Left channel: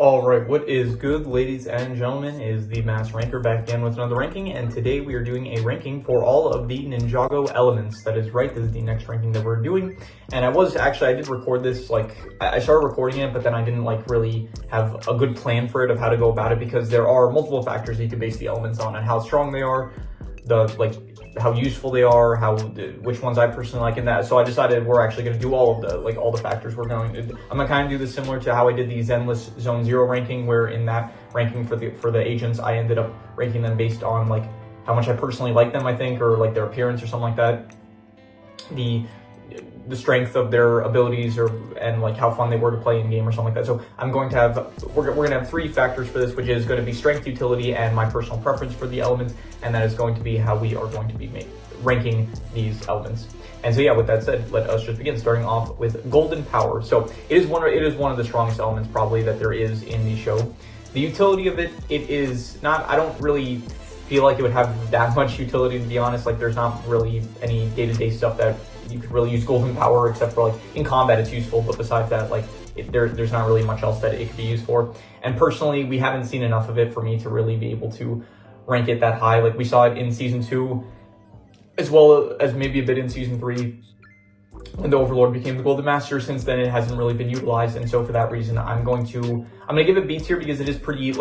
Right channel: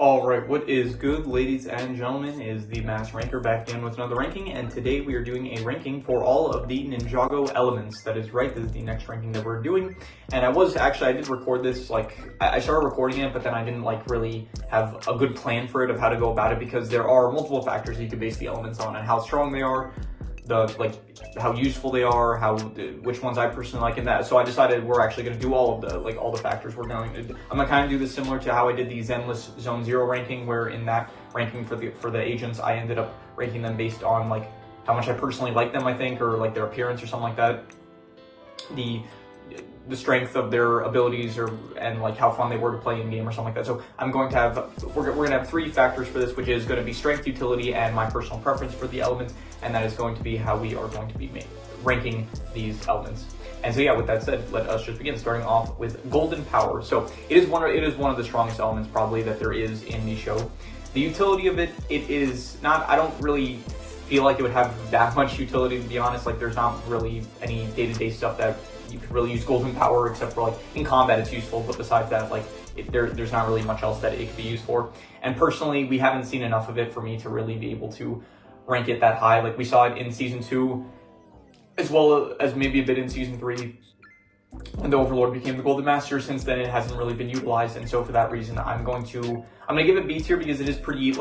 Alright, what is good, ladies and gentlemen, is the Mass Ranker back again with another ranking, and today we are doing a ranking for all of the Ninjago elements. That is right, this is the next ranking that we're doing, and I did record this, I started recording it, but then I didn't, really have a good plan for it of how to go about it, because there are multiple factors you can base the elements on, and how strong they are, how useful they are, which ones I personally like in that. So I decided we're actually going to do all of all the factors I'm going to kind of do this similar to how I did the Zenless Zone 0 ranking, where in that ranking for the agents, I ended up ranking them based on how much I personally like them, I think, or their appearance or something like that. The strength of their abilities and how fun they were to play in game or something like that. So I'm going to have, we're going to have three factors for this, which is going to be strength, utility, and my personal preference for the elements. And that is going to be how we are going to be ranking these elements. And so yeah, with that said, let us just begin, starting off with golden power. So it is one of the strongest elements probably that there is in the show. The utility of it is not, I don't really feel like it would have that much utility, to be honest. There's not really any day-to-day stuff that you could really use golden power, except for in combat it's useful, but besides that, there's not really much else that it could be used for. And personally, we haven't seen enough of it for me to really be able to rank it that high. We saw it in season 2, as well as maybe a bit in season 3, when the Overlord became the Golden Master. Since then, it hasn't really been utilized, and so for that reason, I'm gonna give it B tier, because it is pretty,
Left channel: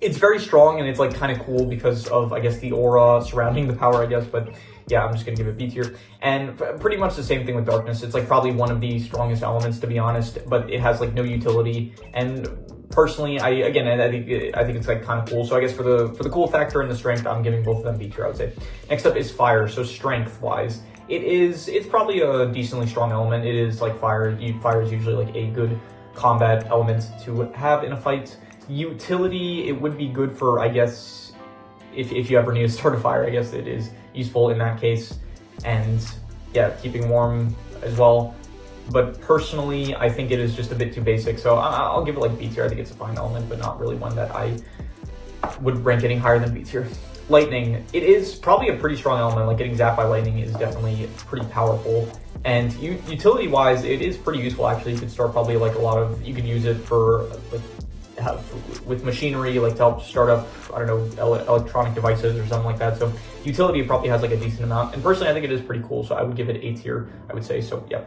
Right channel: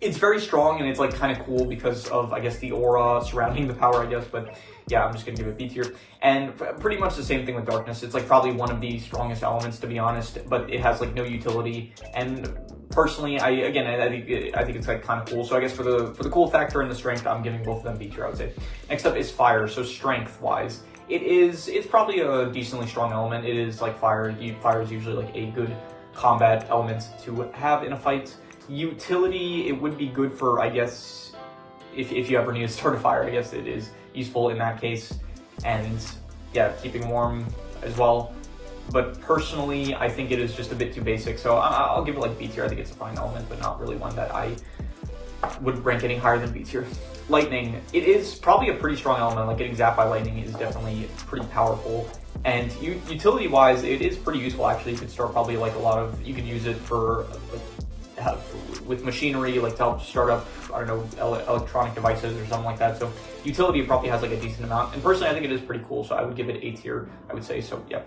it's very strong, and it's kind of cool because of, I guess, the aura surrounding the power, I guess. But yeah, I'm just gonna give it B tier. And pretty much the same thing with darkness. It's probably one of the strongest elements, to be honest, but it has no utility. And personally, I think it's kind of cool. So I guess for the cool factor and the strength, I'm giving both of them B tier, I would say. Next up is fire. So strength wise, it's probably a decently strong element. It is fire. Fire is usually a good combat element to have in a fight. Utility, it would be good for, I guess, if you ever need to start a fire, I guess it is useful in that case. And yeah, keeping warm as well. But personally, I think it is just a bit too basic, so I'll give it B tier. I think it's a fine element, but not really one that I would rank any higher than B tier. Lightning, it is probably a pretty strong element. Getting zapped by lightning is definitely pretty powerful. And utility-wise, it is pretty useful, actually. You could start probably you could use it for with machinery, to help start up, I don't know, electronic devices or something like that. So utility probably has a decent amount. And personally, I think it is pretty cool, so I would give it A tier, I would say. So yeah.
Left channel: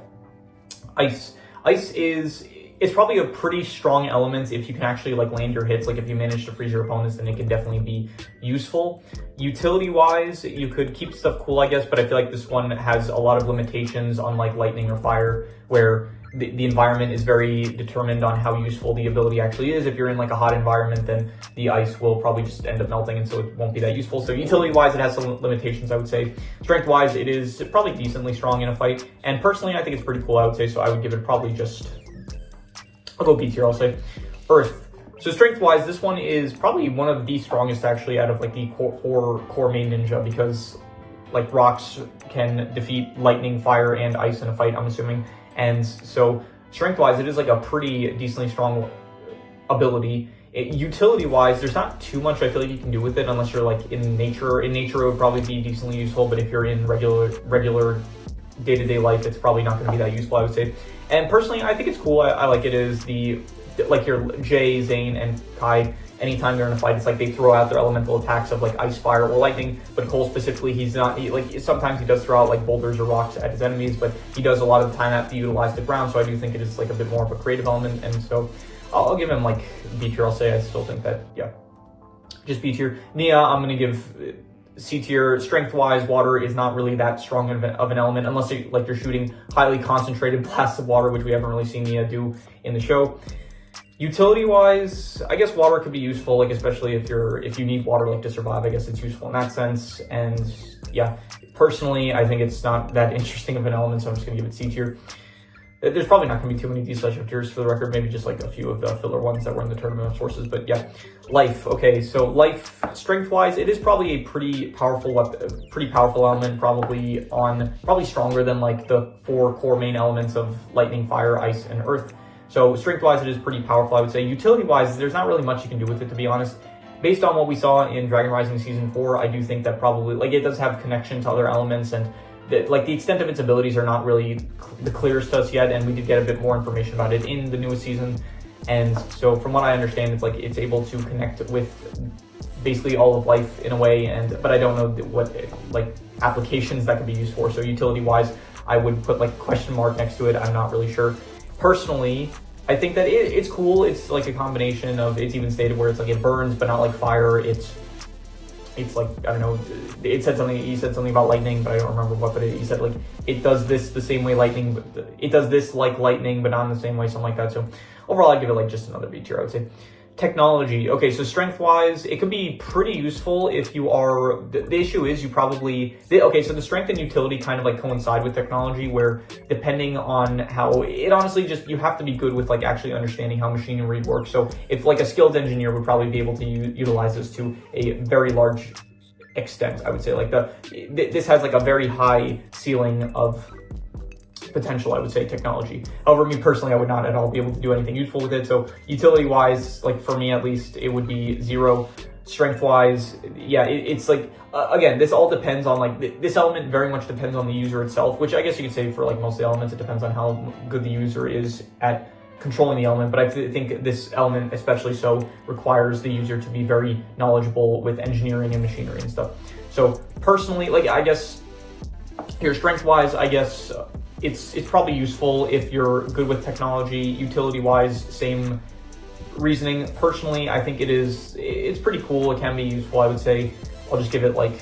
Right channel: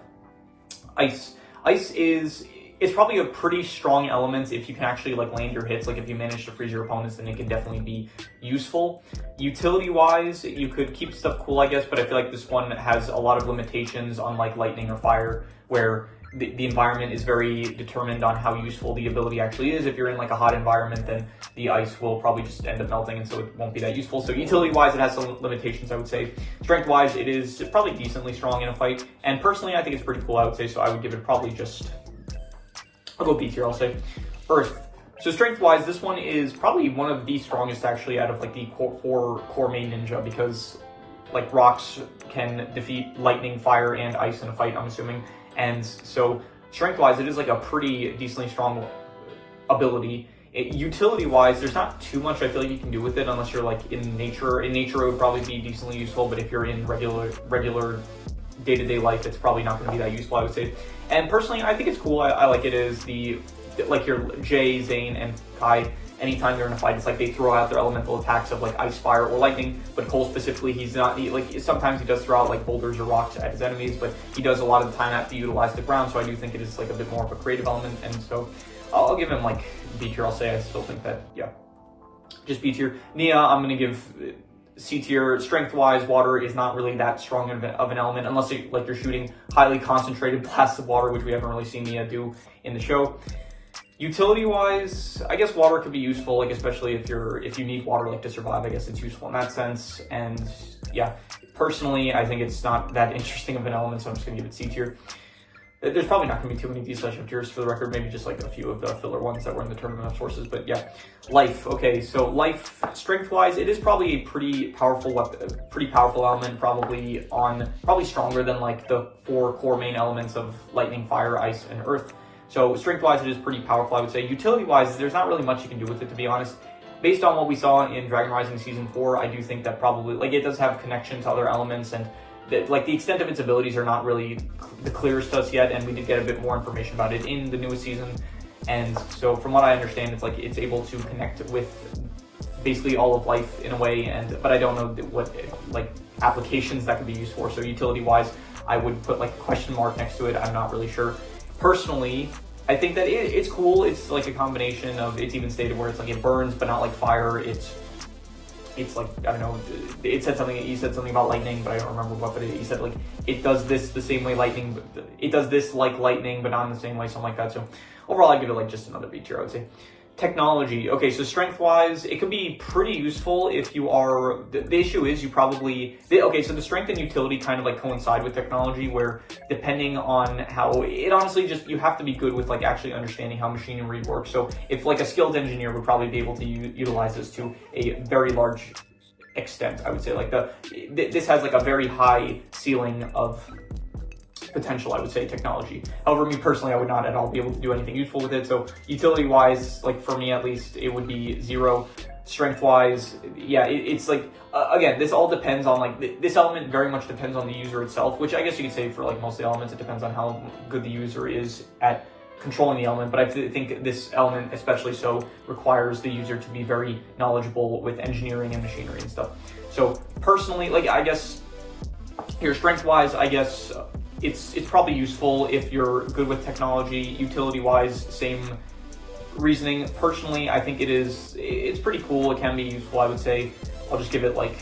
Ice it's probably a pretty strong element if you can actually land your hits. If you manage to freeze your opponents, then it can definitely be useful. Utility wise, you could keep stuff cool, I guess, but I feel this one has a lot of limitations on lightning or fire, where the environment is very determined on how useful the ability actually is. If you're in a hot environment, then the ice will probably just end up melting, and so it won't be that useful. So utility wise, it has some limitations, I would say. Strength wise, it is probably decently strong in a fight, and personally, I think it's pretty cool, I would say. So I would give it probably I'll go B tier, I'll say. Earth. So strength-wise, this one is probably one of the strongest, actually, out of the core main ninja, because rocks can defeat lightning, fire, and ice in a fight, I'm assuming. And so strength-wise, it is a pretty decently strong ability. Utility-wise, there's not too much I feel you can do with it unless you're in nature. In nature, it would probably be decently useful, but if you're in regular day-to-day life, it's probably not going to be that useful, I would say. And personally, I think it's cool. I like it as your Jay, Zane, and Kai, anytime they're in a fight, it's they throw out their elemental attacks of ice, fire, or lightning. But Cole specifically, sometimes he does throw out boulders or rocks at his enemies, but he does a lot of the time have to utilize the ground. So I do think it is a bit more of a creative element, and so I'll give him B tier. I'll say I still think that, yeah, just B tier. Nia, I'm gonna give C tier. Strength-wise, water is not really that strong of an element, unless you're shooting highly concentrated blasts of water, which we haven't really seen Nia do in the show. Utility-wise, I guess water could be useful, especially if you need water to survive. I guess it's useful in that sense. And yeah, personally, I think it's not that interesting of an element, so I'm just gonna give it C tier. There's probably not going to be too many of these such tiers for the record, maybe just a few of the filler ones that were in the Tournament of Sources, but yeah. Life, okay, so life, strength-wise, it is probably a pretty powerful element, probably stronger than the 4 core main elements of lightning, fire, ice, and earth. So strength-wise, it is pretty powerful, I would say. Utility-wise, there's not really much you can do with it, to be honest. Based on what we saw in Dragon Rising Season 4, I do think that probably, it does have connection to other elements, and the extent of its abilities are not really the clearest to us yet, and we did get a bit more information about it in the newest season. And so from what I understand, it's like it's able to connect with basically all of life in a way, but I don't know what like applications that could be used for. So utility wise, I would put like a question mark next to it. I'm not really sure. Personally, I think that it's cool. It's like a combination of, it's even stated where it's like it burns but not like fire. It's like, I don't know, he said something about lightning, but I don't remember what, but he said like it does this the same way lightning, but it does this like lightning but not in the same way, something like that. So overall, I'd give it like just another B tier, I would say. Technology. Okay, so strength-wise, it can be pretty useful if you are, the issue is you probably, okay, so the strength and utility kind of like coincide with technology, where depending on how, it honestly just, you have to be good with like actually understanding how machinery works. So if like a skilled engineer would probably be able to utilize this to a very large extent, I would say. Like this has like a very high ceiling of potential, I would say, technology. However, me personally, I would not at all be able to do anything useful with it. So utility wise, like for me at least, it would be 0. Strength wise, yeah, it's like, again, this all depends on like, this element very much depends on the user itself, which I guess you could say for like most of the elements, it depends on how good the user is at controlling the element. But I think this element, especially so, requires the user to be very knowledgeable with engineering and machinery and stuff. So personally, like, I guess here, strength wise, I guess, it's probably useful if you're good with technology. Utility-wise, same reasoning. Personally, I think it's pretty cool. It can be useful, I would say. I'll just give it like,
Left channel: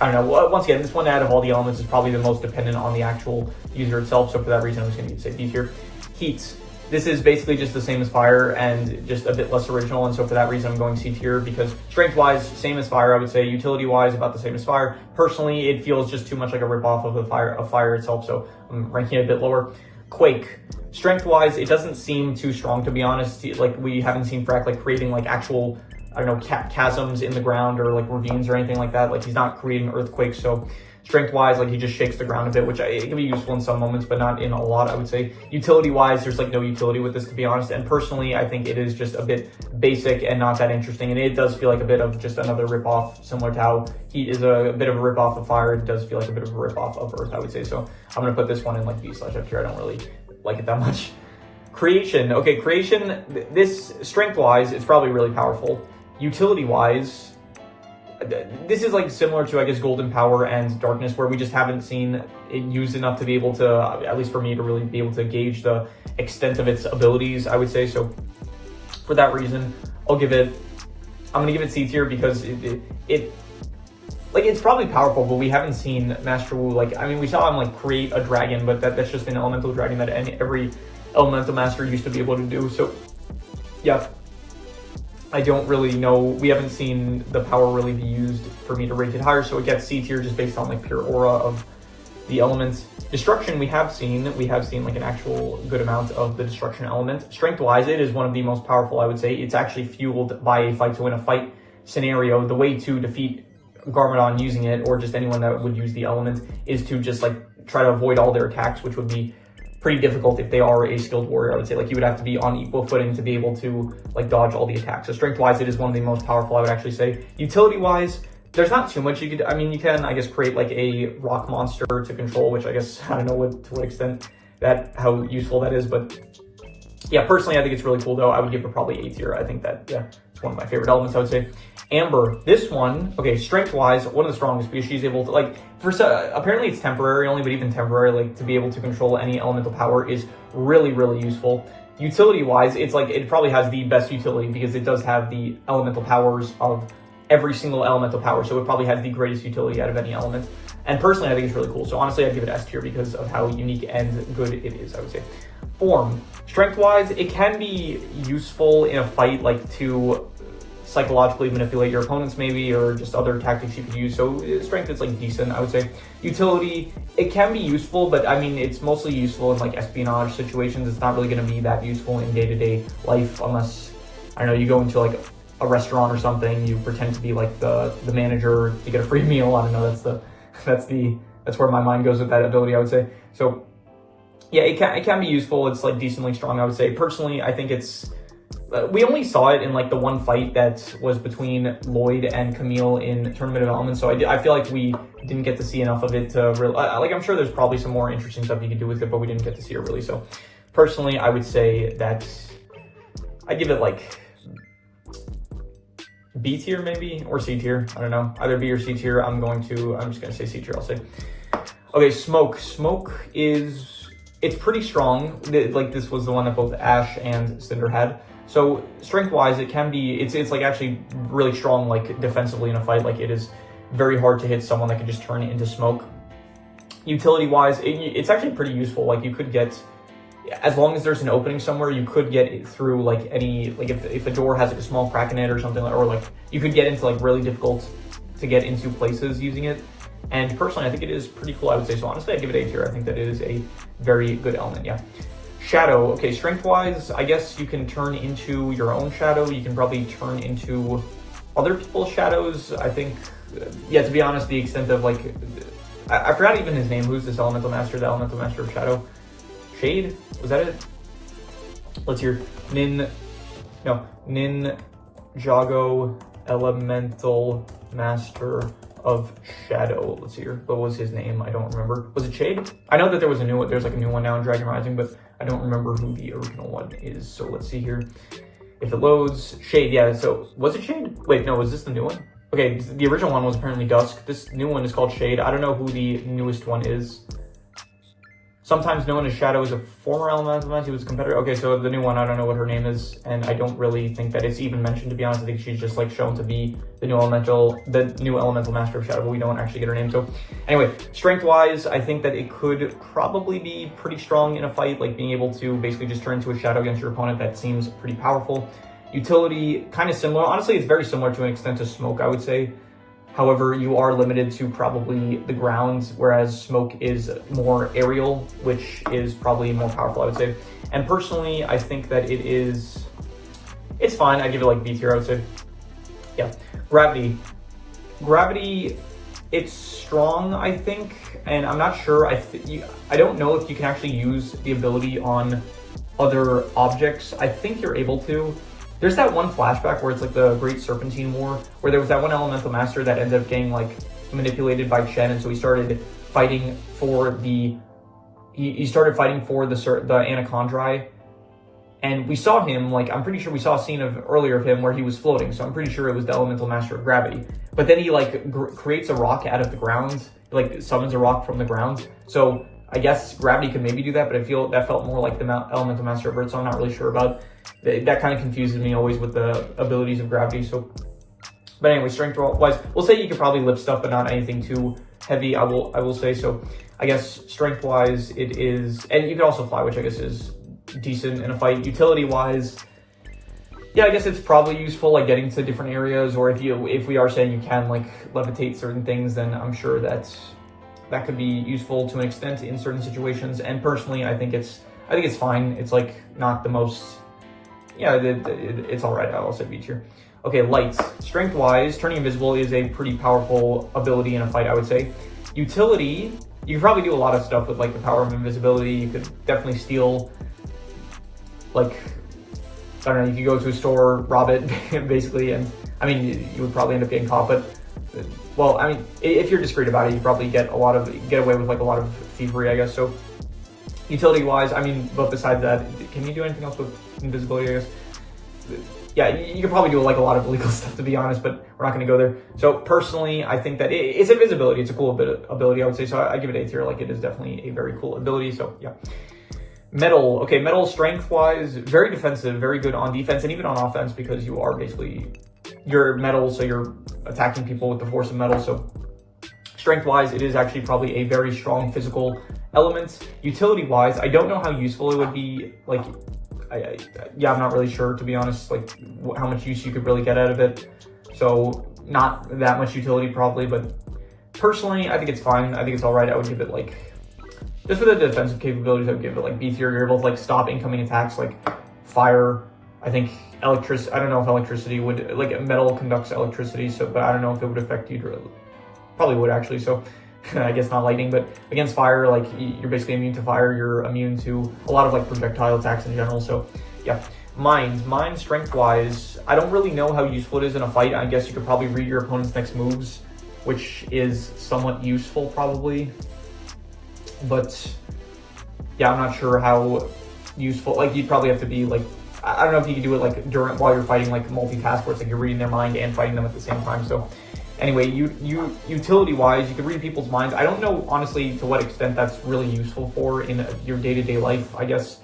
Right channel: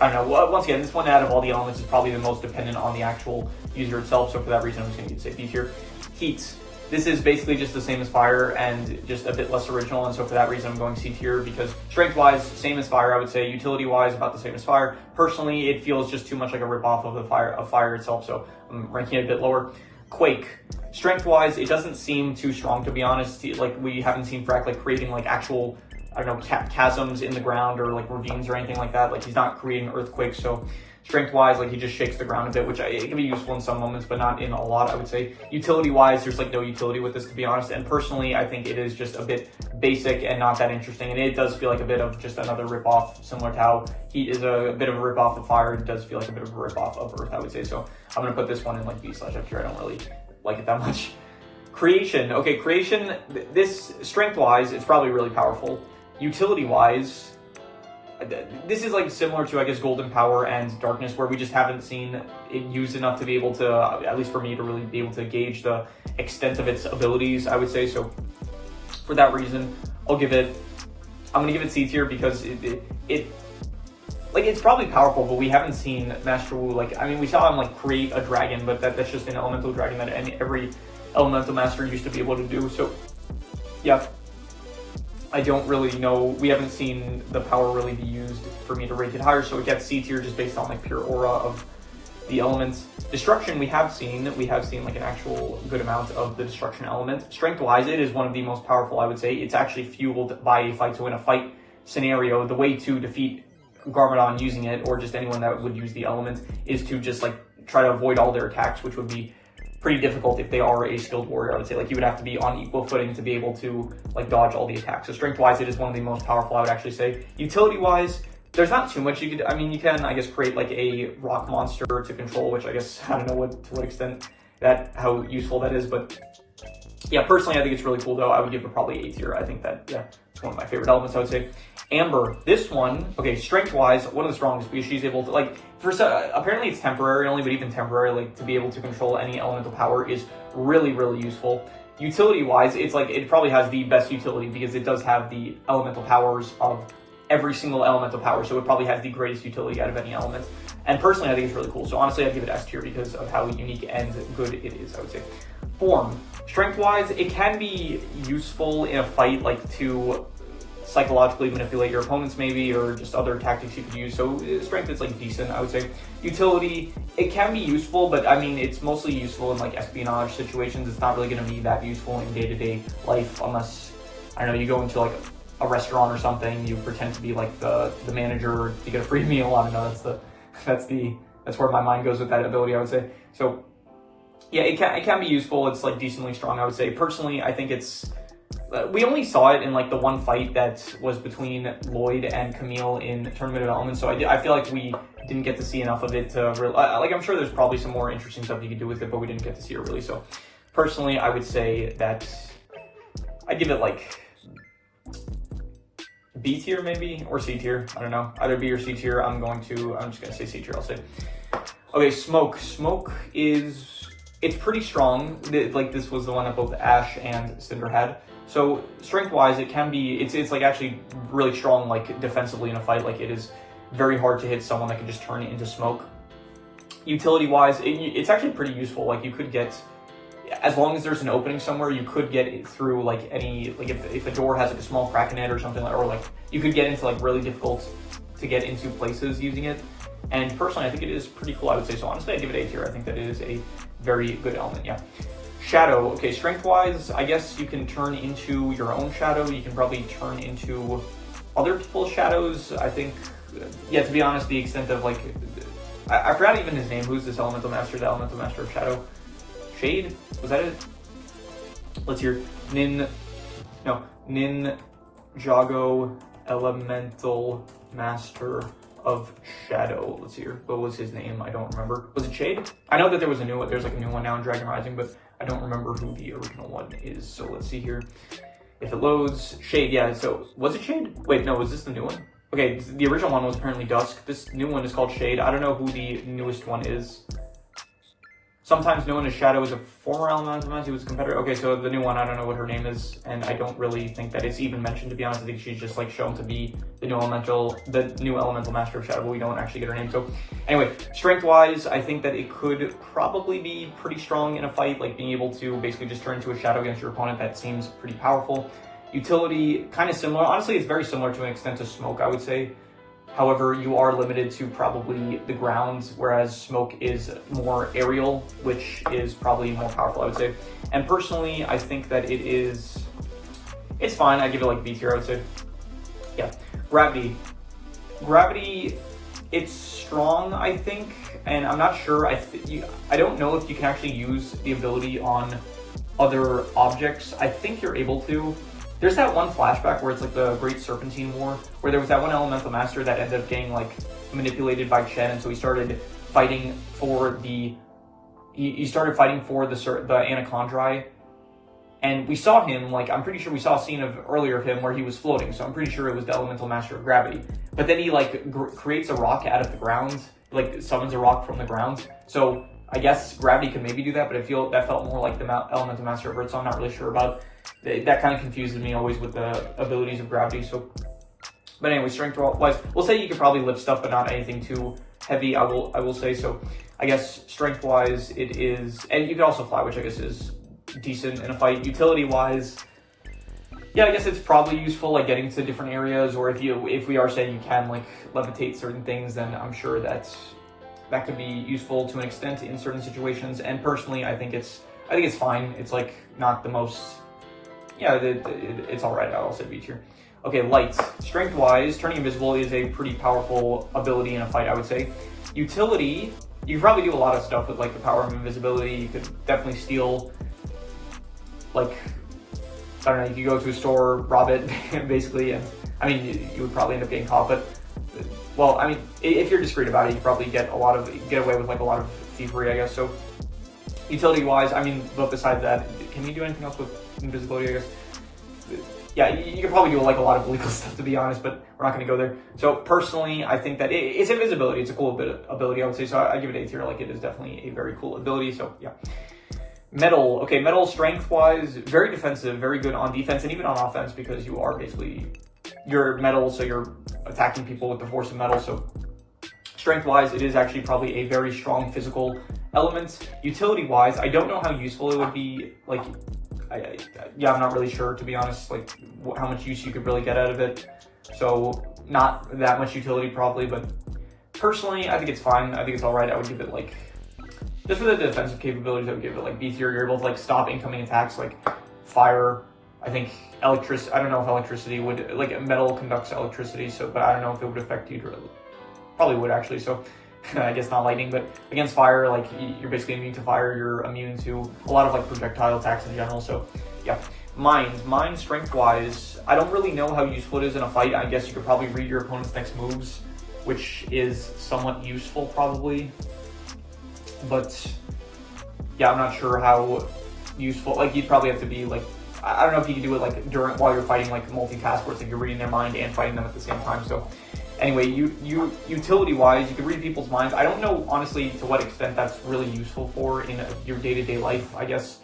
I don't know. Once again, this one out of all the elements is probably the most dependent on the actual user itself. So for that reason, I'm just going to say B tier. Heat. This is basically just the same as fire and just a bit less original. And so for that reason, I'm going C tier, because strength-wise, same as fire, I would say. Utility-wise, about the same as fire. Personally, it feels just too much like a ripoff of fire itself. So I'm ranking it a bit lower. Quake. Strength-wise, it doesn't seem too strong, to be honest. Like, we haven't seen Frack like creating like actual, I don't know, chasms in the ground or like ravines or anything like that. Like, he's not creating earthquakes. So strength-wise, like, he just shakes the ground a bit, which it can be useful in some moments, but not in a lot, I would say. Utility-wise, there's like no utility with this, to be honest. And personally, I think it is just a bit basic and not that interesting. And it does feel like a bit of just another ripoff, similar to how heat is a bit of a ripoff of fire. It does feel like a bit of a ripoff of earth, I would say. So I'm going to put this one in like B/F tier. I don't really like it that much. Creation. Okay, creation, this strength-wise, it's probably really powerful. Utility-wise, this is like similar to, I guess, golden power and darkness, where we just haven't seen it used enough to be able to, at least for me, to really be able to gauge the extent of its abilities, I would say. So for that reason, I'm going to give it C tier, because it's probably powerful, but we haven't seen Master Wu, like, I mean, we saw him like create a dragon, but that's just an elemental dragon that every elemental master used to be able to do. So yeah, I don't really know. We haven't seen the power really be used for me to rank it higher, so it gets C tier just based on like pure aura of the elements. Destruction, we have seen like an actual good amount of the destruction element. Strength-wise, it is one of the most powerful, I would say. It's actually fueled by a fight to win a fight scenario. The way to defeat Garmadon using it, or just anyone that would use the element, is to just like try to avoid all their attacks, which would be pretty difficult if they are a skilled warrior, I would say. Like, you would have to be on equal footing to be able to like dodge all the attacks. So strength-wise, it is one of the most powerful, I would actually say. Utility-wise, there's not too much you could, I mean, you can, I guess, create like a rock monster to control, which I guess, I don't know to what extent how useful that is, but yeah, personally, I think it's really cool, though. I would give it probably A tier. I think that, yeah, it's one of my favorite elements, I would say. Amber, this one, okay, strength-wise, one of the strongest, because she's able to, like, apparently it's temporary only, but even temporary, like, to be able to control any elemental power is really, really useful. Utility-wise, it's like, it probably has the best utility, because it does have the elemental powers of every single elemental power, so it probably has the greatest utility out of any element. And personally, I think it's really cool. So honestly, I'd give it S tier because of how unique and good it is, I would say. Form. Strength-wise, it can be useful in a fight, like, to psychologically manipulate your opponents, maybe, or just other tactics you could use. So strength is like decent, I would say. Utility, it can be useful, but I mean, it's mostly useful in like espionage situations. It's not really going to be that useful in day-to-day life, unless, I don't know, you go into like a restaurant or something, you pretend to be like the manager to get a free meal. I don't know, that's where my mind goes with that ability, I would say. So yeah, it can be useful. It's like decently strong, I would say. Personally, I think it's, we only saw it in like the one fight that was between Lloyd and Camille in Tournament of Elements, so I feel like we didn't get to see enough of it to really, like, I'm sure there's probably some more interesting stuff you could do with it, but we didn't get to see it really. So personally, I would say that I give it like B tier maybe, or C tier. I don't know, either B or C tier. I'm just gonna say C tier, I'll say. Okay, Smoke. Smoke it's pretty strong. Like this was the one that both Ash and Cinder had. So strength wise, it can be, it's like actually really strong, like defensively in a fight. Like it is very hard to hit someone that can just turn into smoke. Utility wise, it's actually pretty useful. Like you could get, as long as there's an opening somewhere, you could get it through like any, like if a door has like a small crack in it or something, or like you could get into like really difficult to get into places using it. And personally, I think it is pretty cool, I would say. So honestly, I give it A tier. I think that it is a very good element, yeah. Shadow, okay, strength-wise, I guess you can turn into your own shadow. You can probably turn into other people's shadows. I think, yeah, to be honest, the extent of like, I forgot even his name. Who's this elemental master? The elemental master of shadow? Shade? Was that it? Let's hear. Ninjago, elemental master of shadow. Let's hear. What was his name? I don't remember. Was it Shade? I know that there was a new one. There's like a new one now in Dragon Rising, but I don't remember who the original one is. So let's see here. If it loads, Shade, yeah. So was it Shade? Wait, no, was this the new one? Okay, the original one was apparently Dusk. This new one is called Shade. I don't know who the newest one is. Sometimes known as Shadow is a former elemental master. He was a competitor. Okay, so the new one, I don't know what her name is, and I don't really think that it's even mentioned, to be honest. I think she's just like shown to be the new elemental master of Shadow, but we don't actually get her name. So anyway, strength-wise, I think that it could probably be pretty strong in a fight, like being able to basically just turn into a shadow against your opponent. That seems pretty powerful. Utility, kind of similar. Honestly, it's very similar to an extent to Smoke, I would say. However, you are limited to probably the ground, whereas Smoke is more aerial, which is probably more powerful, I would say. And personally, I think that it's fine. I'd give it like B tier, I would say. Yeah. Gravity. Gravity, it's strong, I think, and I'm not sure. I don't know if you can actually use the ability on other objects. I think you're able to. There's that one flashback where it's like the Great Serpentine War, where there was that one elemental master that ended up getting like manipulated by Chen, and so he started fighting for the Anachondri, and we saw him, like, I'm pretty sure we saw a scene earlier of him where he was floating, so I'm pretty sure it was the elemental master of gravity. But then he like creates a rock out of the ground, like summons a rock from the ground. So I guess gravity could maybe do that, but that felt more like the elemental master of earth, so I'm not really sure about. That kind of confuses me always with the abilities of gravity. So, but anyway, strength-wise, we'll say you could probably lift stuff, but not anything too heavy. I will say. So, I guess strength-wise, it is, and you can also fly, which I guess is decent in a fight. Utility-wise, yeah, I guess it's probably useful, like getting to different areas, or if we are saying you can like levitate certain things, then I'm sure that could be useful to an extent in certain situations. And personally, I think it's fine. It's like not the most. Yeah, it's all right. I'll say B tier. Okay, lights. Strength-wise, turning invisible is a pretty powerful ability in a fight, I would say. Utility, you can probably do a lot of stuff with like the power of invisibility. You could definitely steal, like, I don't know, you could go to a store, rob it, basically, and I mean, you would probably end up getting caught, but, well, I mean, if you're discreet about it, you probably get away with like a lot of thievery, I guess. So utility-wise, I mean, but besides that, can you do anything else with invisibility, I guess? Yeah, you could probably do like a lot of illegal stuff, to be honest, but we're not going to go there. So personally, I think that it's invisibility. It's a cool ability, I would say. So I give it A tier. Like, it is definitely a very cool ability. So yeah. Metal. Okay, metal strength-wise, very defensive, very good on defense and even on offense, because you are basically, you're metal, so you're attacking people with the force of metal. So strength-wise, it is actually probably a very strong physical element. Utility-wise, I don't know how useful it would be. Like, yeah, I'm not really sure, to be honest, like how much use you could really get out of it. So not that much utility probably, but personally, I think it's fine. I think it's all right. I would give it like, just for the defensive capabilities, I would give it like B tier. You're able to like stop incoming attacks like fire. I think electricity, I don't know if electricity would, like metal conducts electricity, so, but I don't know if it would affect you. Probably would actually, so I guess not lightning, but against fire, like you're basically immune to fire. You're immune to a lot of like projectile attacks in general. So yeah, mind strength-wise, I don't really know how useful it is in a fight. I guess you could probably read your opponent's next moves, which is somewhat useful probably. But yeah, I'm not sure how useful. Like, you'd probably have to be like I don't know if you can do it like while you're fighting, like multitask, where it's like you're reading their mind and fighting them at the same time. So anyway, utility wise, you can read people's minds. I don't know honestly to what extent that's really useful for in your day-to-day life. I guess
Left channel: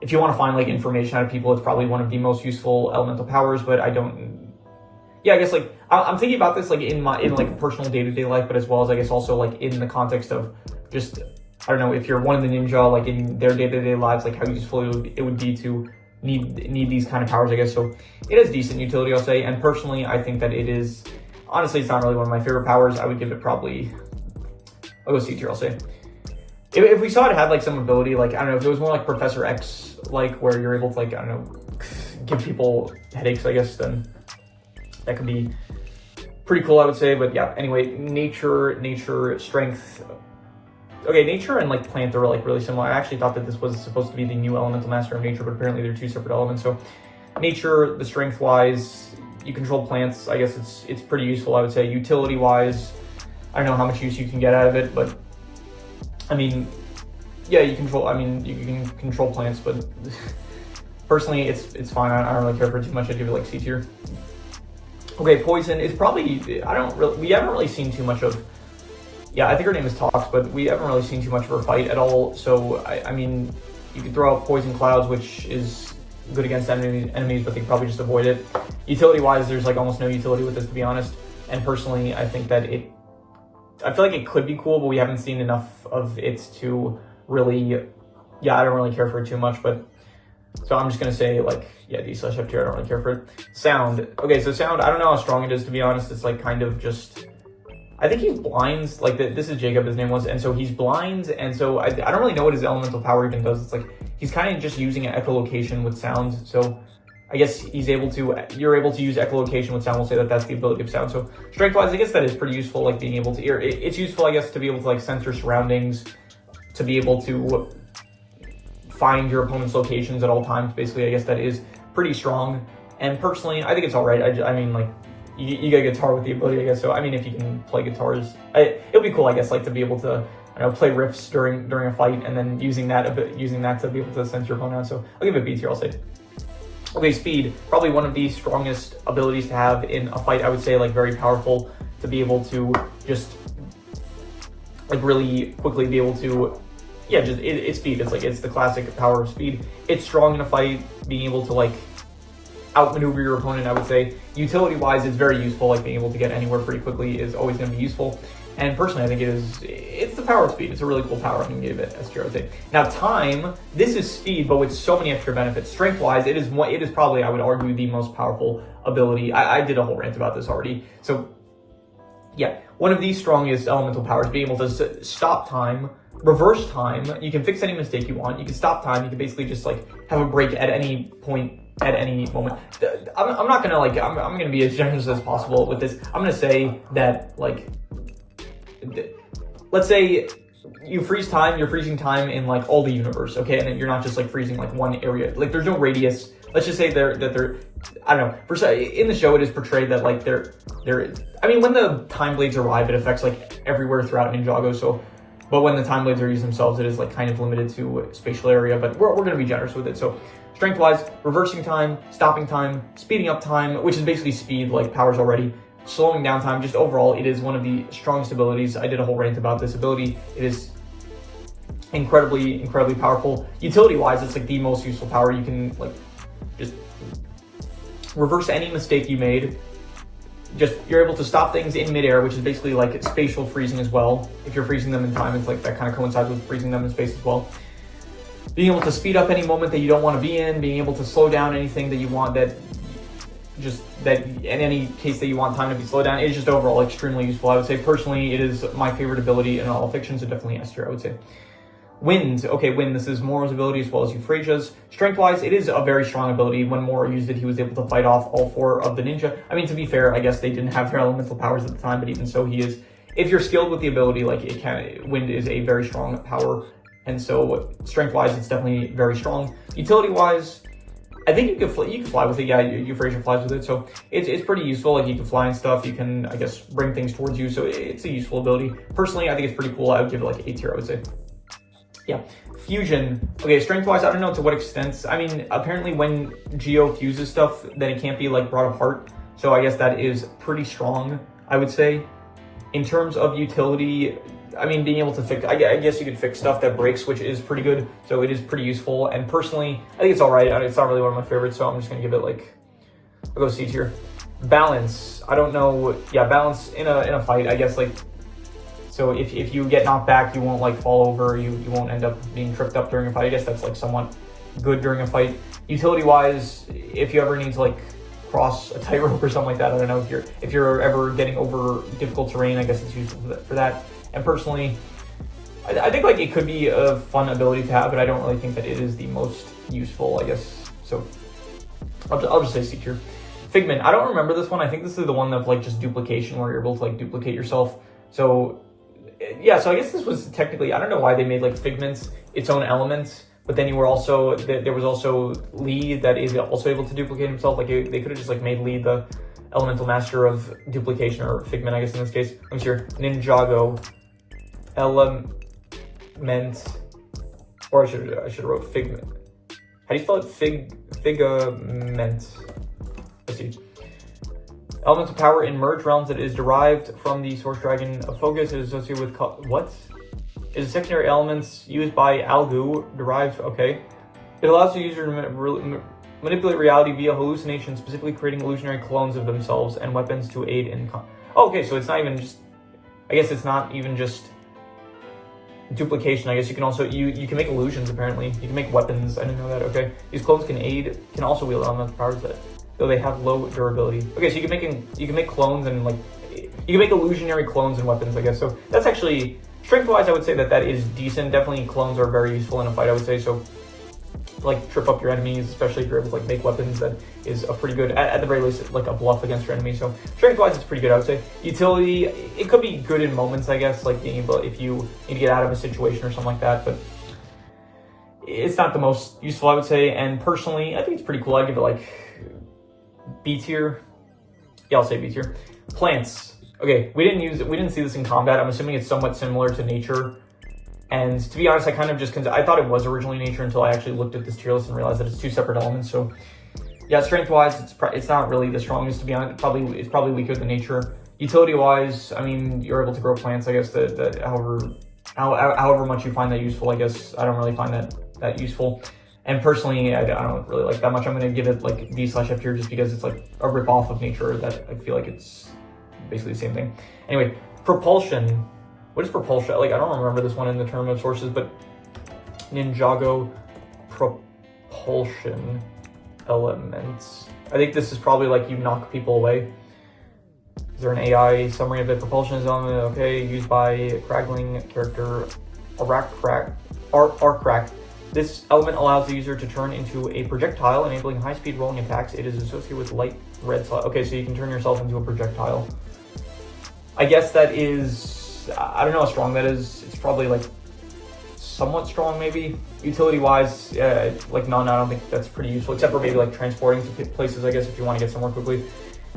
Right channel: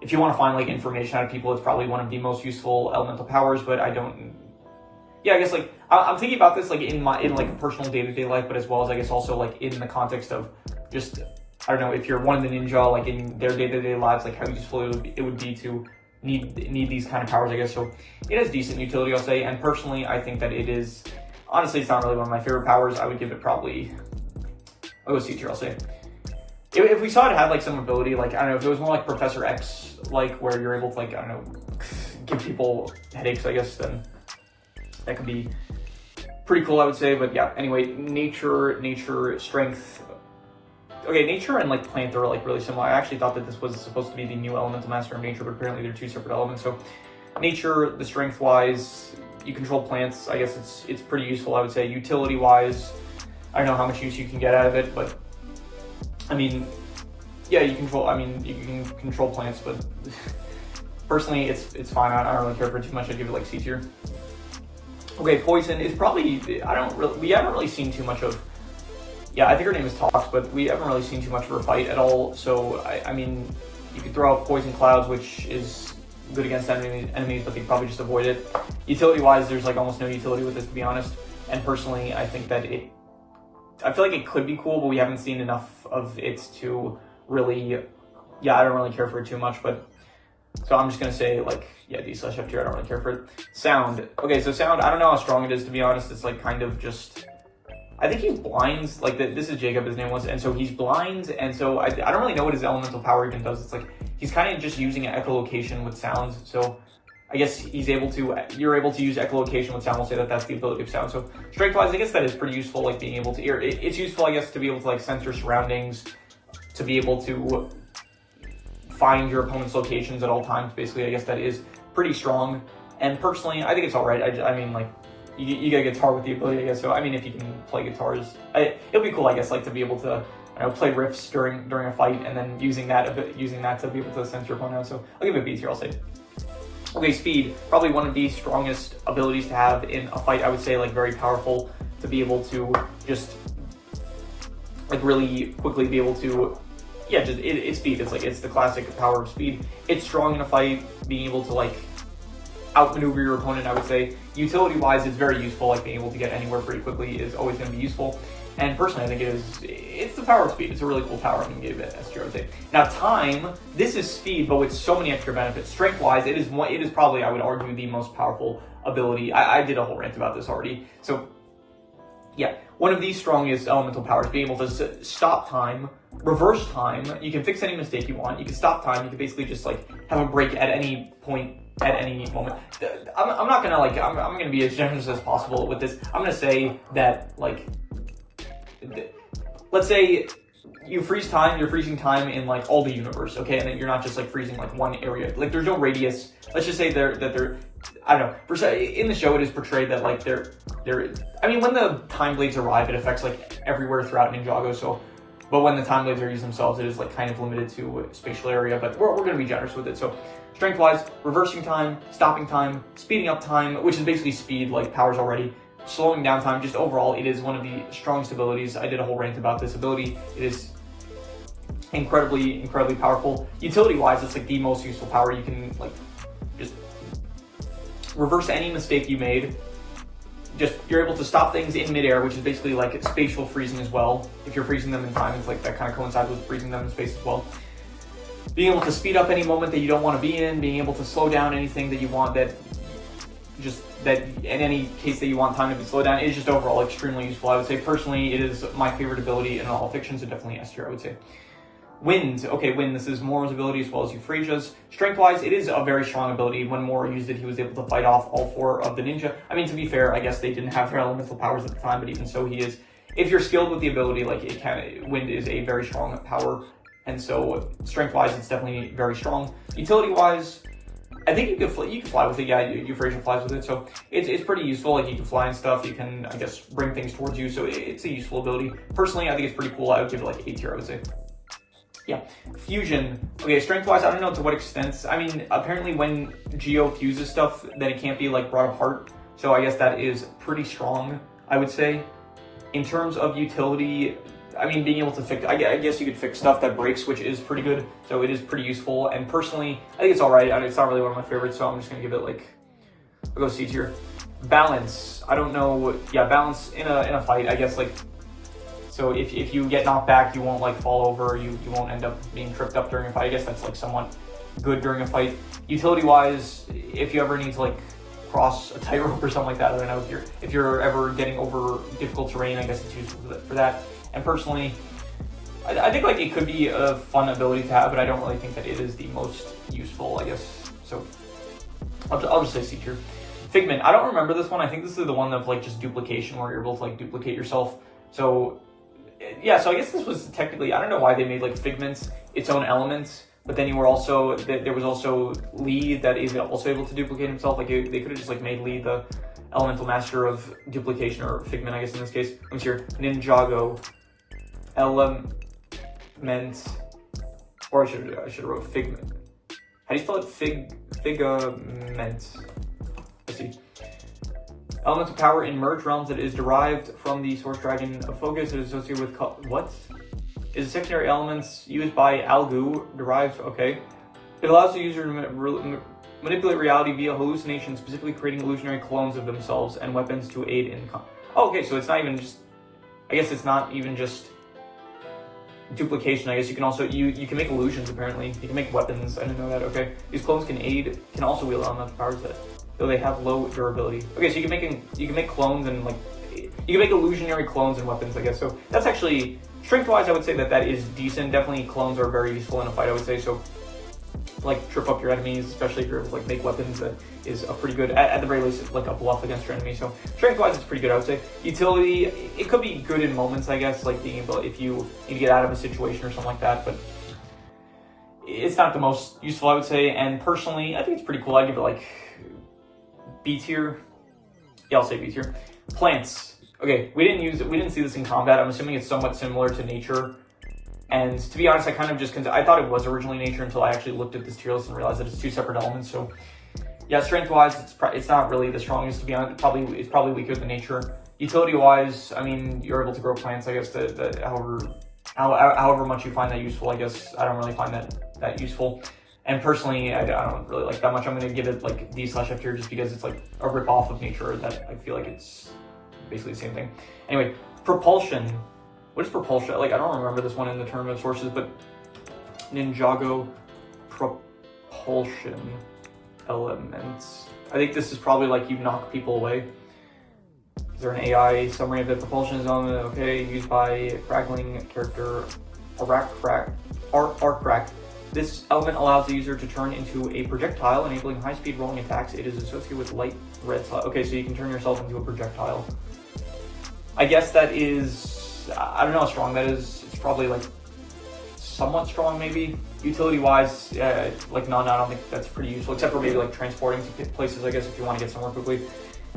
if you want to find like information out of people, it's probably one of the most useful elemental powers, but I guess like I'm thinking about this like in like personal day-to-day life, but as well as I guess also like in the context of just, I don't know, if you're one of the ninja, like in their day-to-day lives, like how useful it would be to need these kind of powers, I guess. So it has decent utility, I'll say, and personally I think that it is, honestly, it's not really one of my favorite powers. I would give it probably, I'll go C tier, I'll say. If we saw it have like some ability, like, I don't know, if it was more like Professor X, like where you're able to like, I don't know, give people headaches, I guess, then that could be pretty cool, I would say. But yeah, anyway, nature, strength. Okay, nature and like plant are like really similar. I actually thought that this was supposed to be the new elemental master of nature, but apparently they're two separate elements. So nature, the strength wise, you control plants. I guess it's pretty useful, I would say. Utility wise, I don't know how much use you can get out of it, but I mean, yeah, you can control plants, but personally it's fine. I don't really care for it too much. I'd give it like C tier. Okay, poison is probably, we haven't really seen too much of. Yeah, I think her name is Tox, but we haven't really seen too much of her fight at all. So, I mean, you could throw out Poison Clouds, which is good against enemies, but they could probably just avoid it. Utility-wise, there's like almost no utility with this, to be honest. And personally, I think that I feel like it could be cool, but we haven't seen enough of it to really, yeah, I don't really care for it too much. But, so I'm just going to say, like, yeah, D/F tier, I don't really care for it. Sound. Okay, so sound, I don't know how strong it is, to be honest. It's like kind of just, I think he's blind, like this is Jacob, his name was, and so he's blind, and so I don't really know what his elemental power even does. It's like, he's kind of just using an echolocation with sound, so I guess you're able to use echolocation with sound. We'll say that that's the ability of sound. So strength-wise, I guess that is pretty useful, like being able to hear. It's useful, I guess, to be able to like sense your surroundings, to be able to find your opponent's locations at all times, basically. I guess that is pretty strong, and personally, I think it's all right. I mean, like, you get a guitar with the ability, I guess. So I mean, if you can play guitars, it'll be cool, I guess, like to be able to, I don't know, play riffs during a fight, and then using that to be able to sense your opponent out. So I'll give it a B tier, I'll say. Okay, speed, probably one of the strongest abilities to have in a fight. I would say like very powerful to be able to just like really quickly be able to, yeah, just it's speed. It's like, it's the classic power of speed. It's strong in a fight, being able to like outmaneuver your opponent, I would say. Utility-wise, it's very useful, like being able to get anywhere pretty quickly is always going to be useful. And personally, I think it's the power of speed. It's a really cool power. I can give it S tier, I would say. Now, time, this is speed, but with so many extra benefits. Strength-wise, it is probably, I would argue, the most powerful ability. I did a whole rant about this already. So, yeah, one of the strongest elemental powers, being able to stop time, reverse time. You can fix any mistake you want. You can stop time. You can basically just like have a break at any point, at any moment. I'm not gonna like, I'm gonna be as generous as possible with this. I'm gonna say that, like, let's say you freeze time, you're freezing time in like all the universe, okay? And then you're not just like freezing like one area. Like there's no radius. Let's just say they're I don't know. In the show, it is portrayed that like I mean, when the time blades arrive, it affects like everywhere throughout Ninjago. So, but when the time blades are used themselves, it is like kind of limited to a spatial area. But we're gonna be generous with it. So, strength-wise, reversing time, stopping time, speeding up time, which is basically speed, like powers already. Slowing down time, just overall, it is one of the strongest abilities. I did a whole rant about this ability. It is incredibly powerful. Utility-wise, it's like the most useful power. You can like just reverse any mistake you made. Just, you're able to stop things in midair, which is basically like spatial freezing as well. If you're freezing them in time, it's like that kind of coincides with freezing them in space as well. Being able to speed up any moment that you don't want to be in, being able to slow down anything that you want, that in any case that you want time to be slowed down, is just overall extremely useful. I would say personally, it is my favorite ability in all of fiction, so definitely S tier, I would say. Wind. Okay, Wind, this is Moro's ability as well as Euphrasia's. Strength-wise, it is a very strong ability. When Moro used it, he was able to fight off all four of the ninja. I mean, to be fair, I guess they didn't have their elemental powers at the time, but even so, he is, if you're skilled with the ability, like Wind is a very strong power. And so, strength-wise, it's definitely very strong. Utility-wise, I think you can fly with it. Yeah, Euphrasia flies with it, so it's pretty useful. Like, you can fly and stuff. You can, I guess, bring things towards you, so it's a useful ability. Personally, I think it's pretty cool. I would give it like A tier, I would say. Yeah, fusion. Okay, strength-wise, I don't know to what extent. I mean, apparently when Geo fuses stuff, then it can't be like brought apart. So I guess that is pretty strong, I would say. In terms of utility, I mean, being able to fix, I guess you could fix stuff that breaks, which is pretty good. So it is pretty useful. And personally, I think it's all right. I mean, it's not really one of my favorites, so I'm just gonna give it like, I'll go C tier. Balance, I don't know. Yeah, balance in a fight, I guess like, so if you get knocked back, you won't like fall over, you won't end up being tripped up during a fight. I guess that's like somewhat good during a fight. Utility wise, if you ever need to like cross a tightrope or something like that, I don't know, if you're ever getting over difficult terrain, I guess it's useful for that. And personally, I think like it could be a fun ability to have, but I don't really think that it is the most useful, I guess. So I'll just say C tier. Figment, I don't remember this one. I think this is the one of like just duplication where you're able to like duplicate yourself. So yeah, so I guess this was technically, I don't know why they made like Figments its own elements, but then you were also, there was also Lee that is also able to duplicate himself. Like they could have just like made Lee the elemental master of duplication, or Figment, I guess in this case. Let me see here, Ninjago, element, or I should have wrote Figment. How do you spell it? Figment. Let's see. Elemental power in merged realms that is derived from the source dragon of focus. It is associated with what? Is a secondary elements used by Algoo derived? Okay. It allows the user to manipulate reality via hallucination, specifically creating illusionary clones of themselves and weapons to aid in. Oh, okay, so it's not even just. I guess it's not even just duplication. I guess you can also you can make illusions. Apparently, you can make weapons. I didn't know that. Okay, these clones can also wield elemental powers that, though they have low durability. Okay, so you can make clones and like you can make illusionary clones and weapons, I guess. So that's actually strength-wise, I would say that is decent. Definitely, clones are very useful in a fight, I would say. So like trip up your enemies, especially if you're able to like make weapons, that is a pretty good, at the very least, like a bluff against your enemy. So strength-wise, it's pretty good, I would say. Utility, it could be good in moments, I guess, like being able, if you need to get out of a situation or something like that, but it's not the most useful, I would say. And personally, I think it's pretty cool. I'd give it like B tier. Yeah, I'll say B tier. Plants. Okay, we didn't see this in combat. I'm assuming it's somewhat similar to nature. And to be honest, I kind of just, I thought it was originally nature until I actually looked at this tier list and realized that it's two separate elements. So yeah, strength-wise, it's not really the strongest, to be honest. It's probably weaker than nature. Utility-wise, I mean, you're able to grow plants, I guess, that however much you find that useful, I guess. I don't really find that useful. And personally, I don't really like that much. I'm going to give it like D/F tier just because it's like a rip-off of nature that I feel like it's basically the same thing. Anyway, propulsion. What is propulsion? Like, I don't remember this one in the term of sources, but Ninjago propulsion elements. I think this is probably like you knock people away. Is there an AI summary of the propulsion element? Okay, used by craggling character Arcrack. This element allows the user to turn into a projectile, enabling high-speed rolling attacks. It is associated with light red slot. Okay, so you can turn yourself into a projectile. I guess that is, I don't know how strong that is. It's probably like somewhat strong, maybe. Utility-wise, like none. I don't think that's pretty useful, except for maybe like transporting to places, I guess, if you want to get somewhere quickly.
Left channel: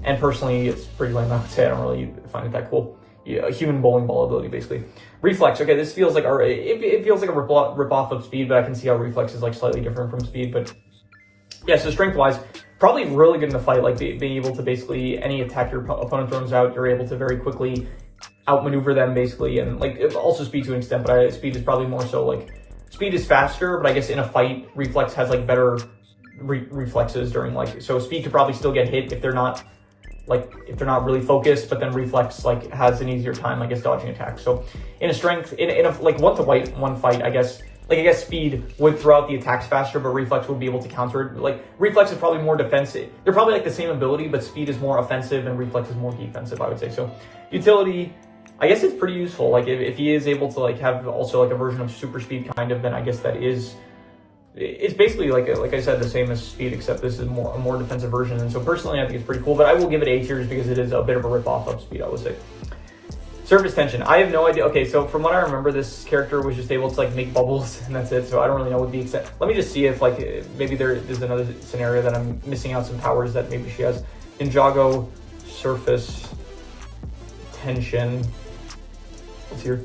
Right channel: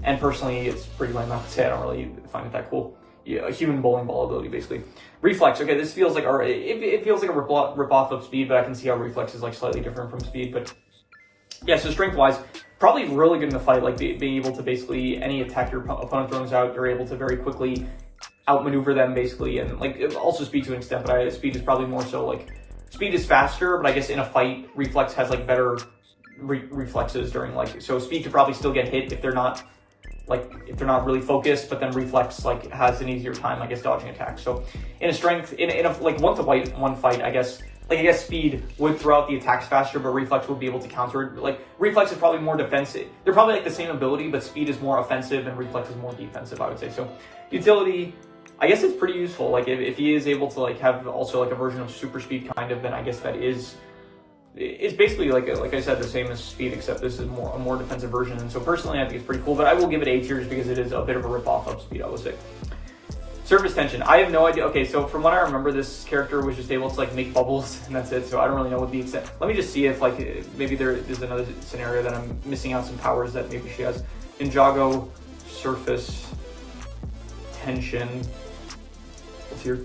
And personally, it's pretty lame, I would say. I don't really find it that cool. Yeah, a human bowling ball ability, basically. Reflex. Okay, this feels like it feels like a rip off of speed, but I can see how reflex is like slightly different from speed. But yeah, so strength-wise, probably really good in the fight. Like being able to basically any attack your opponent throws out, you're able to very quickly outmaneuver them, basically, and like also speed to an extent. But speed is probably more so like speed is faster, but I guess in a fight, reflex has like better reflexes during like, so speed could probably still get hit if they're not really focused, but then reflex like has an easier time, I guess, dodging attacks. So in a strength, in a like one fight, I guess speed would throw out the attacks faster, but reflex would be able to counter it. Like reflex is probably more defensive. They're probably like the same ability, but speed is more offensive and reflex is more defensive, I would say. So utility, I guess it's pretty useful. Like if he is able to like have also like a version of super speed kind of, then I guess that is, it's basically like I said, the same as speed, except this is a more defensive version. And so personally, I think it's pretty cool, but I will give it A tier just because it is a bit of a rip-off of speed, I would say. Surface tension. I have no idea. Okay, so from what I remember, this character was just able to like make bubbles and that's it. So I don't really know what the extent. Let me just see if like maybe there's another scenario that I'm missing out some powers that maybe she has. Ninjago surface tension. What's here?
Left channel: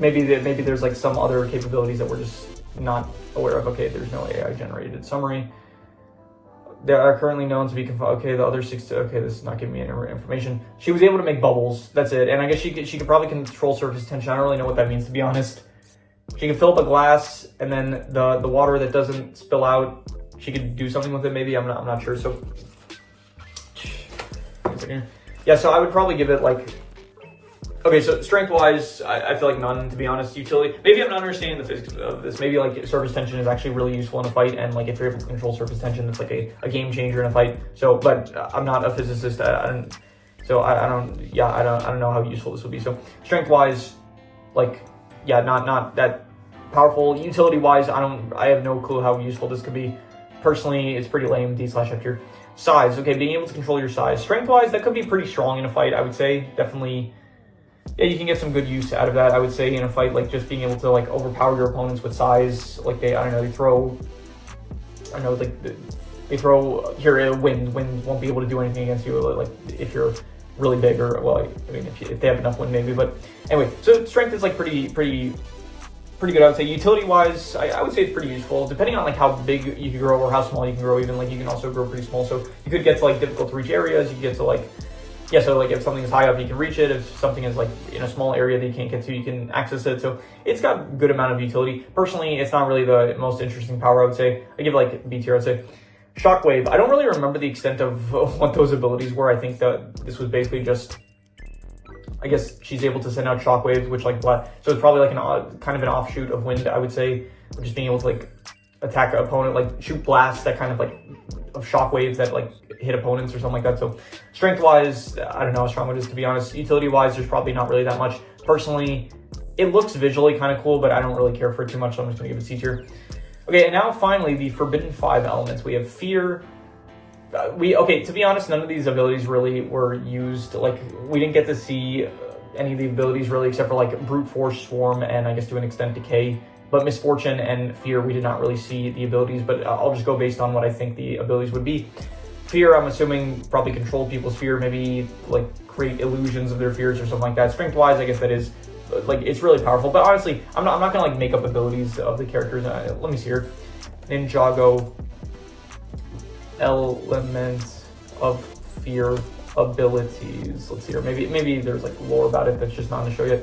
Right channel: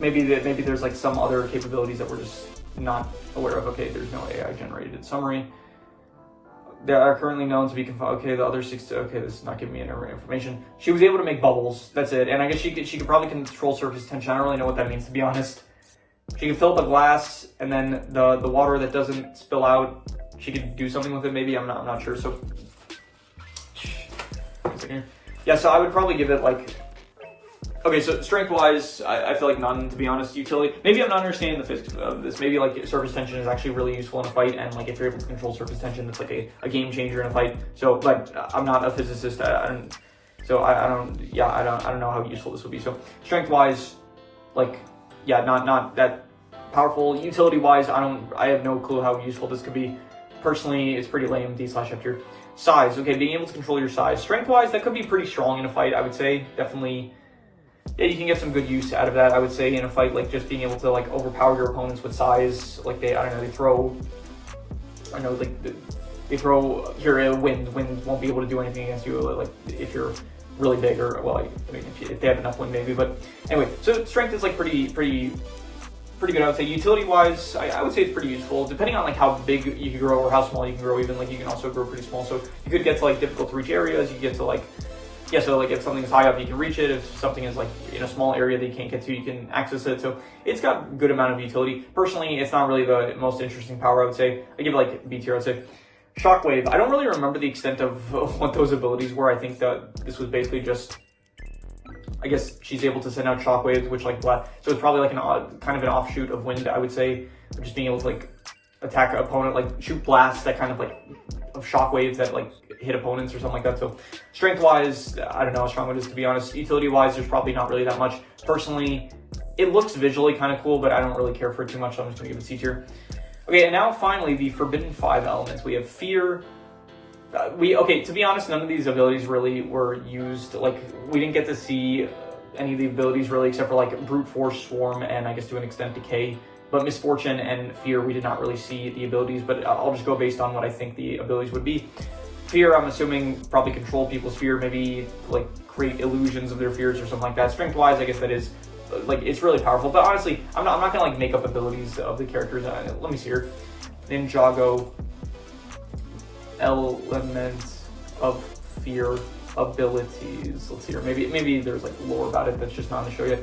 maybe there's like some other capabilities that we're just not aware of. Okay, there's no AI generated summary. There are currently known to be okay, the other 6, okay, this is not giving me any information. She was able to make bubbles, that's it. And I guess she could probably control surface tension. I don't really know what that means, to be honest. She can fill up a glass, and then the water that doesn't spill out, she could do something with it maybe, I'm not sure. So yeah, so I would probably give it like, okay, so strength-wise, I feel like none, to be honest. Utility, maybe I'm not understanding the physics of this. Maybe like surface tension is actually really useful in a fight, and like if you're able to control surface tension, it's like a game changer in a fight. So, but I'm not a physicist. I don't know how useful this would be. So strength-wise, like, yeah, not that powerful. Utility-wise, I have no clue how useful this could be. Personally, it's pretty lame, D/F tier. Size, okay, being able to control your size. Strength-wise, that could be pretty strong in a fight, I would say. Definitely. Yeah, you can get some good use out of that, I would say, in a fight, like just being able to like overpower your opponents with size. Like they throw, they throw here, wind won't be able to do anything against you, like if you're really big, or, well, I mean, if they have enough wind maybe, but anyway, so strength is like pretty good, I would say. Utility wise, I would say it's pretty useful, depending on like how big you can grow or how small you can grow. Even like you can also grow pretty small, so you could get to like difficult to reach areas. You get to like, yeah, so like if something's high up, you can reach it. If something is like in a small area that you can't get to, you can access it. So it's got a good amount of utility. Personally, it's not really the most interesting power, I would say. I give it like B tier, I would say. Shockwave, I don't really remember the extent of what those abilities were. I think that this was basically just, I guess she's able to send out shockwaves, which like so it's probably like kind of an offshoot of wind, I would say, just being able to like attack an opponent, like shoot blasts that kind of like of shockwaves that like hit opponents or something like that. So strength wise, I don't know how strong it is, to be honest. Utility wise, there's probably not really that much. Personally, it looks visually kind of cool, but I don't really care for it too much, so I'm just gonna give it C tier. Okay, and now finally the forbidden 5 elements. We have fear. Okay, to be honest, none of these abilities really were used. Like, we didn't get to see any of the abilities really, except for like brute force, swarm, and I guess to an extent decay. But misfortune and fear, we did not really see the abilities, but I'll just go based on what I think the abilities would be. Fear, I'm assuming probably control people's fear, maybe like create illusions of their fears or something like that. Strength wise, I guess that is like, it's really powerful, but honestly, I'm not gonna like make up abilities of the characters. Let me see here. Ninjago, element of fear abilities. Let's see here. Maybe there's like lore about it that's just not in the show yet.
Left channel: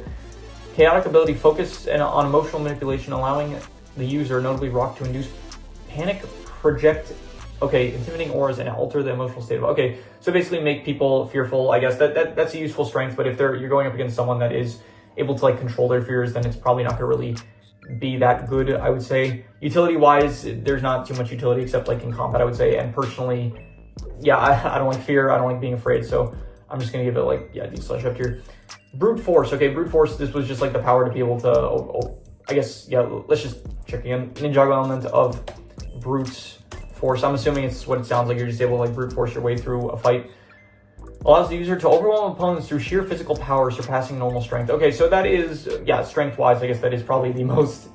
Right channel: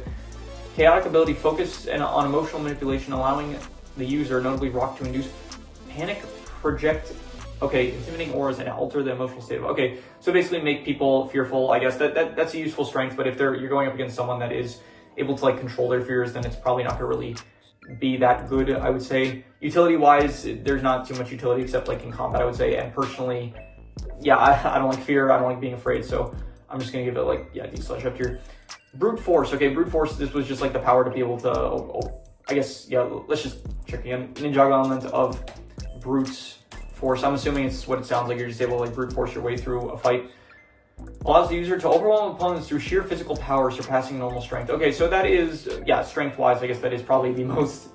Chaotic ability, focus on emotional manipulation, allowing the user, notably Rock, to induce panic, project, okay, intimidating auras and alter the emotional state of, okay, so basically make people fearful. I guess that's a useful strength, but if you're going up against someone that is able to like control their fears, then it's probably not gonna really be that good, I would say. Utility wise, there's not too much utility except like in combat, I would say. And personally, yeah, I don't like fear, I don't like being afraid, so I'm just gonna give it like, yeah, D/F tier. Brute force, okay, brute force, this was just like the power to be able to, I guess, yeah, let's just check again. Ninjago element of brute force, I'm assuming it's what it sounds like. You're just able to like brute force your way through a fight. Allows the user to overwhelm opponents through sheer physical power, surpassing normal strength. Okay, so that is, yeah, strength-wise, I guess that is probably the most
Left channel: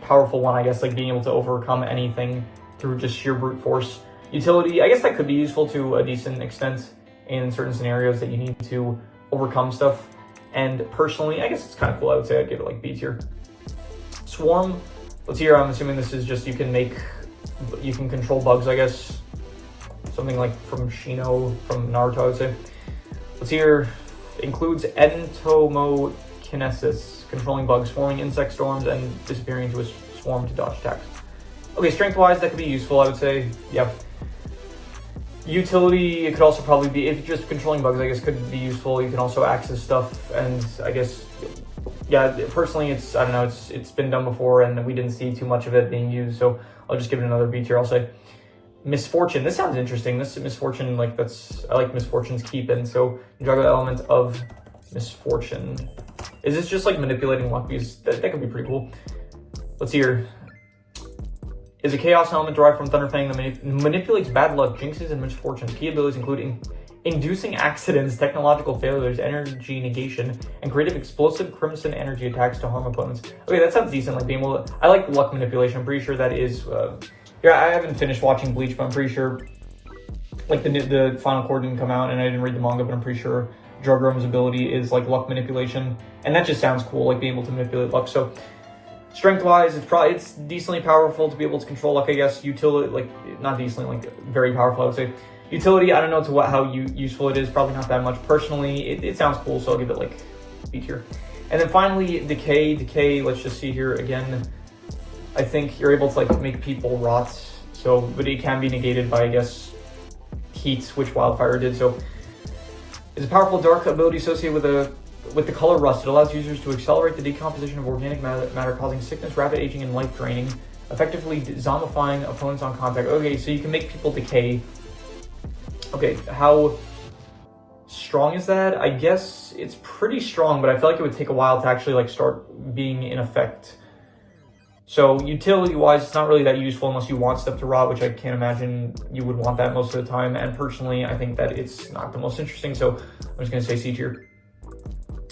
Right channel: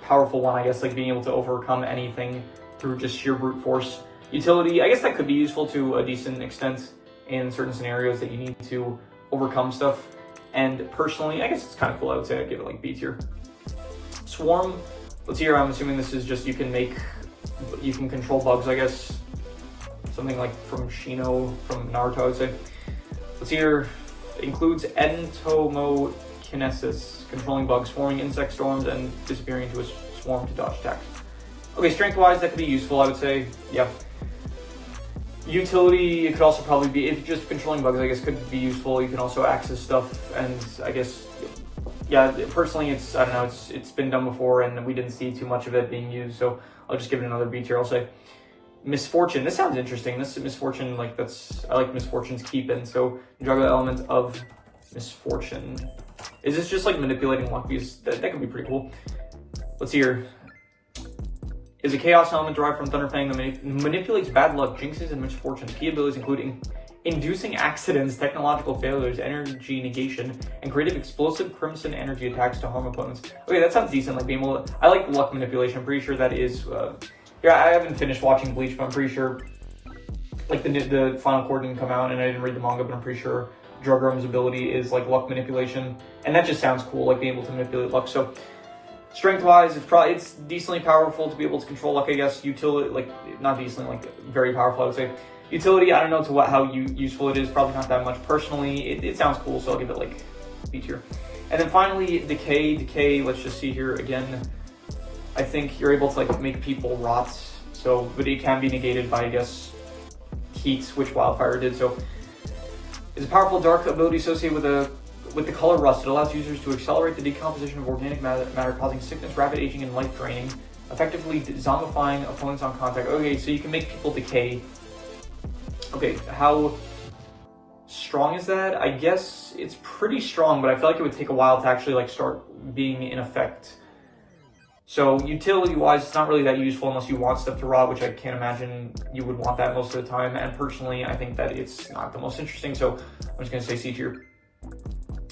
powerful one, I guess, like being able to overcome anything through just sheer brute force. Utility, I guess that could be useful to a decent extent in certain scenarios that you need to overcome stuff. And personally, I guess it's kind of cool. I would say I'd give it like B tier. Swarm, let's see here, I'm assuming this is just you can control bugs, I guess. Something like from Shino, from Naruto, I would say. Let's see here, includes entomokinesis, controlling bugs, forming insect storms, and disappearing into a swarm to dodge attacks. Okay, strength-wise, that could be useful, I would say, yeah. Utility, it could also probably be, if you're just controlling bugs, I guess could be useful. You can also access stuff, and I guess, yeah, personally, I don't know, it's been done before, and we didn't see too much of it being used, so I'll just give it another B tier, I'll say. Misfortune, this sounds interesting. This misfortune, like I like misfortune's keep, and so Ninjago element of misfortune. Is this just like manipulating luck? Because that could be pretty cool. Let's see here. Is a chaos element derived from Thunder Fang that manipulates bad luck, jinxes, and misfortune. Key abilities including inducing accidents, technological failures, energy negation, and creative explosive crimson energy attacks to harm opponents. Okay, that sounds decent. Like being able to, I like luck manipulation. I'm pretty sure that is. Yeah, I haven't finished watching Bleach, but I'm pretty sure like the final core didn't come out, and I didn't read the manga, but I'm pretty sure Drugram's ability is like luck manipulation, and that just sounds cool, like being able to manipulate luck. So strength-wise, it's decently powerful to be able to control luck, I guess. Utility, like, not decently, like, very powerful, I would say. Utility, I don't know how useful it is, probably not that much. Personally, it sounds cool, so I'll give it, like, B tier. And then finally, Decay. Decay, let's just see here again. I think you're able to, like, make people rot, so, but it can be negated by, I guess, heat, which Wildfire did, so. It's a powerful dark ability associated with the color rust. It allows users to accelerate the decomposition of organic matter, causing sickness, rapid aging, and life draining, effectively zombifying opponents on contact. Okay, so you can make people decay. Okay, how strong is that? I guess it's pretty strong, but I feel like it would take a while to actually like start being in effect. So utility-wise, it's not really that useful unless you want stuff to rot, which I can't imagine you would want that most of the time. And personally, I think that it's not the most interesting, so I'm just going to say C tier.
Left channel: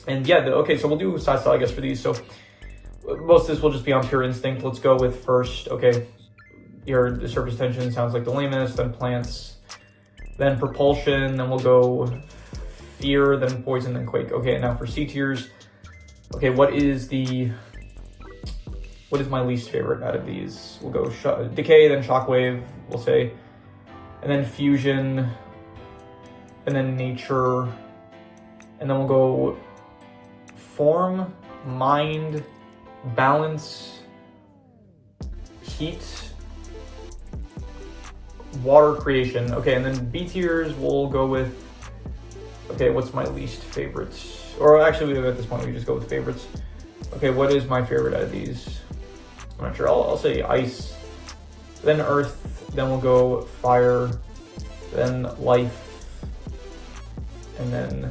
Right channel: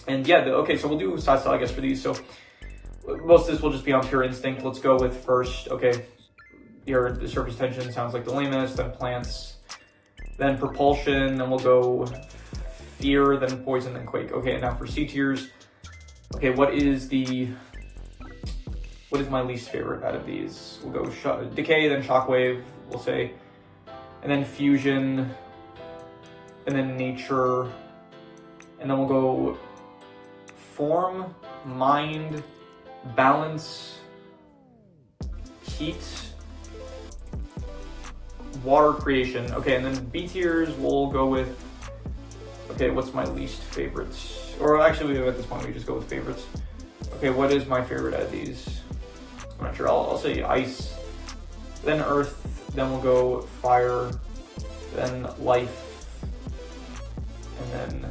And yeah, okay, so we'll do side style, I guess, for these. So most of this will just be on pure instinct. Let's go with first, okay, here, the surface tension sounds like the lamest, then plants, then propulsion, then we'll go fear, then poison, then quake. Okay, now for C tiers, okay, what is my least favorite out of these? We'll go decay, then shockwave, we'll say, and then fusion, and then nature, and then we'll go form, mind, balance, heat, water creation. Okay, and then B tiers, we'll go with, okay, what's my least favorite? Or actually, at this point, we just go with favorites. Okay, what is my favorite out of these? I'm not sure. I'll say ice, then earth, then we'll go fire, then life, and then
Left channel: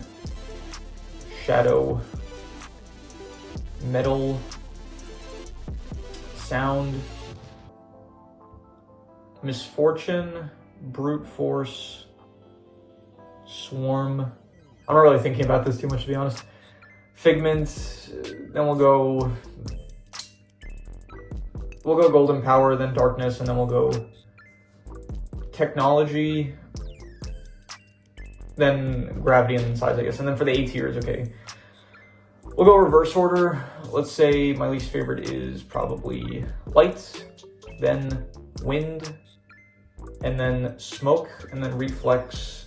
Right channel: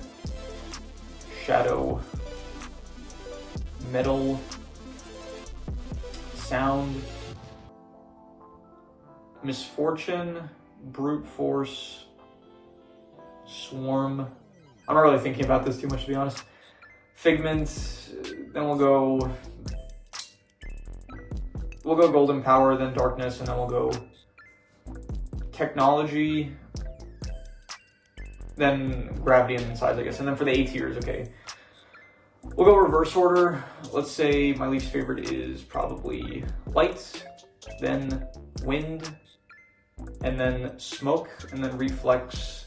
shadow, metal, sound, misfortune, brute force, swarm. I'm not really thinking about this too much, to be honest. Figment, then we'll go golden power, then darkness, and then we'll go technology, then gravity and size, I guess. And then for the A tiers, okay, we'll go reverse order. Let's say my least favorite is probably light, then wind, and then smoke, and then reflex,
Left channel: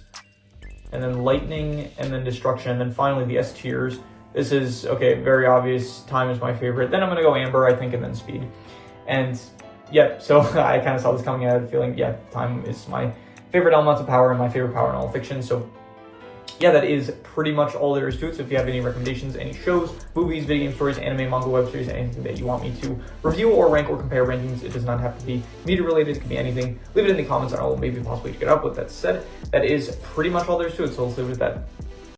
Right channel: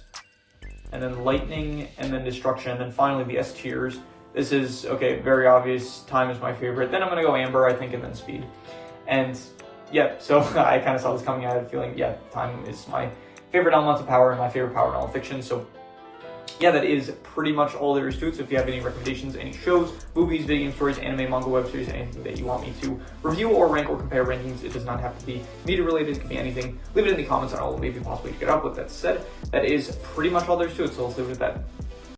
and then lightning, and then destruction, and then finally the S tiers. This is, okay, very obvious. Time is my favorite. Then I'm gonna go amber, I think, and then speed. And yeah, so I kind of saw this coming. I had a feeling, yeah, time is my favorite elemental power and my favorite power in all fiction. So yeah, that is pretty much all there is to it. So if you have any recommendations, any shows, movies, video game stories, anime, manga, web series, anything that you want me to review or rank or compare rankings, it does not have to be media related. It could be anything. Leave it in the comments and I'll maybe possibly pick it up. With that said, that is pretty much all there is to it. So let's leave it at that.